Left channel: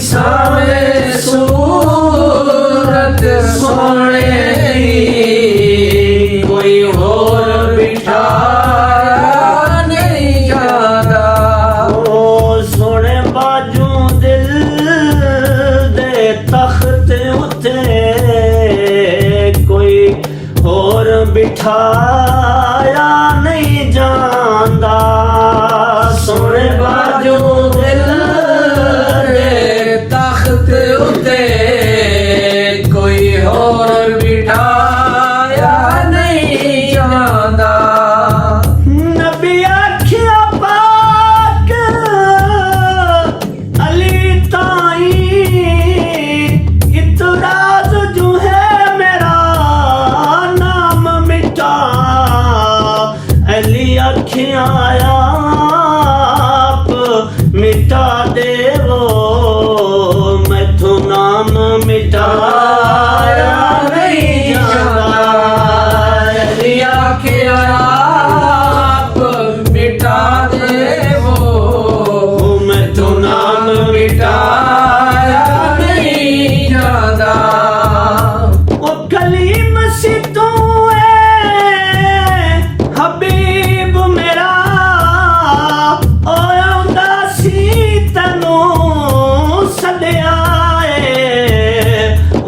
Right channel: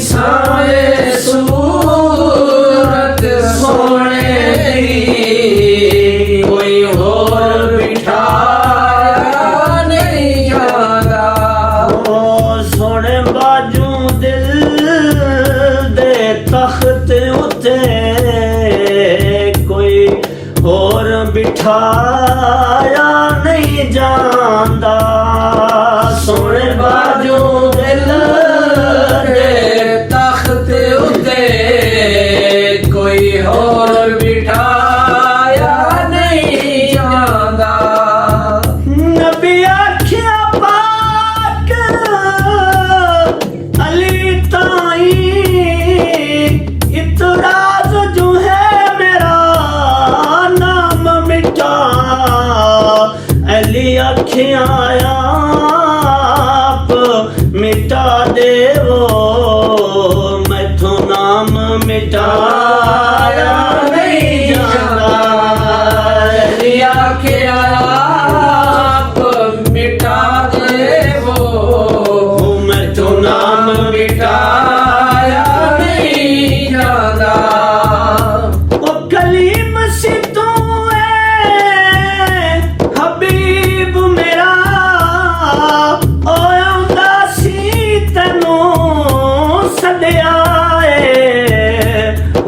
सावे सूरत सोने दी कोई होर बिठाया नहीं जाता। ओ सोने बाजू दिल दे तख्त उते कोई होर बिठाया नहीं जांदा। सोने बाजू दिल दे तख्त उते कोई होर बिठाया नहीं जाता। नबी आखिया पाक अली ताई इतराज जो है मेरा नाम मिटा। अली आखिया आप मिटा देवो मैथों नाम मिटाया नहीं जाता। लिया के आप मिटा देवो मैं तो नाम मिटाया नहीं जाता। ओ कलीम सी तू है हबीब मेरा ओ आंदा सी तैनू सदिया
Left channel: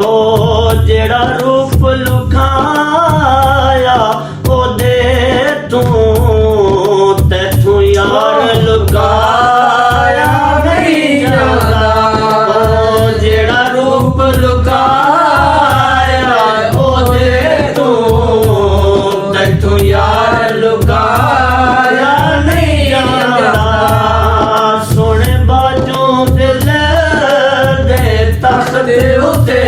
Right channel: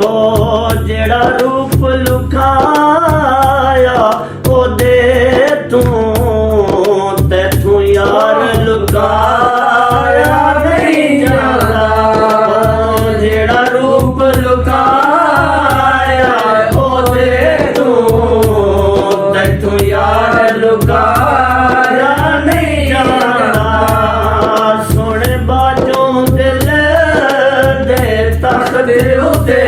ओ जेड़ा रूप लुकाया ओ दे तू तैथू यार लुकाया नहीं जाता। ओ जेड़ा रूप लुकाया ओ दे तू तैथू यार लुकाया नहीं जाता। सोने बाजू दिल दे तख्त उते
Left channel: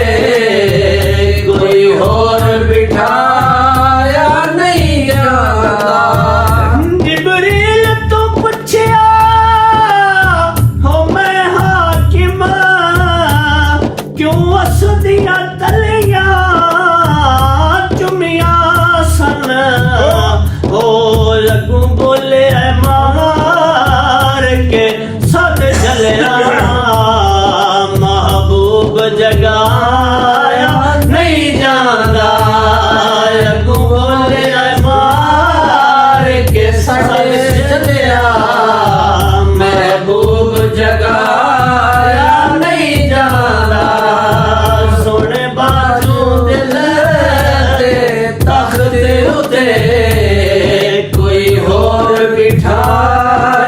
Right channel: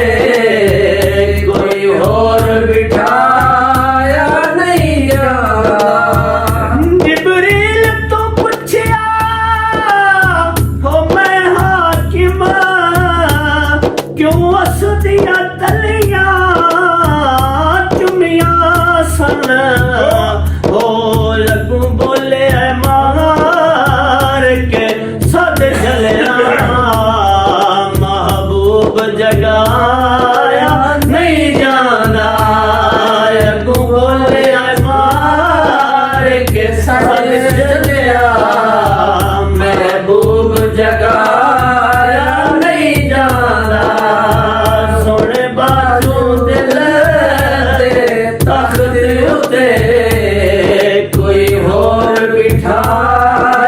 कोई होर बिठाया नहीं जाता। जिबरील तो पूछया हो मैं हाकिम क्यों असदिया तलिया चुमिया सन। हो लगू बोले मार के सद चलिया महबूब जगाया नहीं जाना। लगू बोले मार के सद चलिया महबूब जगाया नहीं जाता। सोने बाजू दिल दे तख्त उते कोई होर बिठाया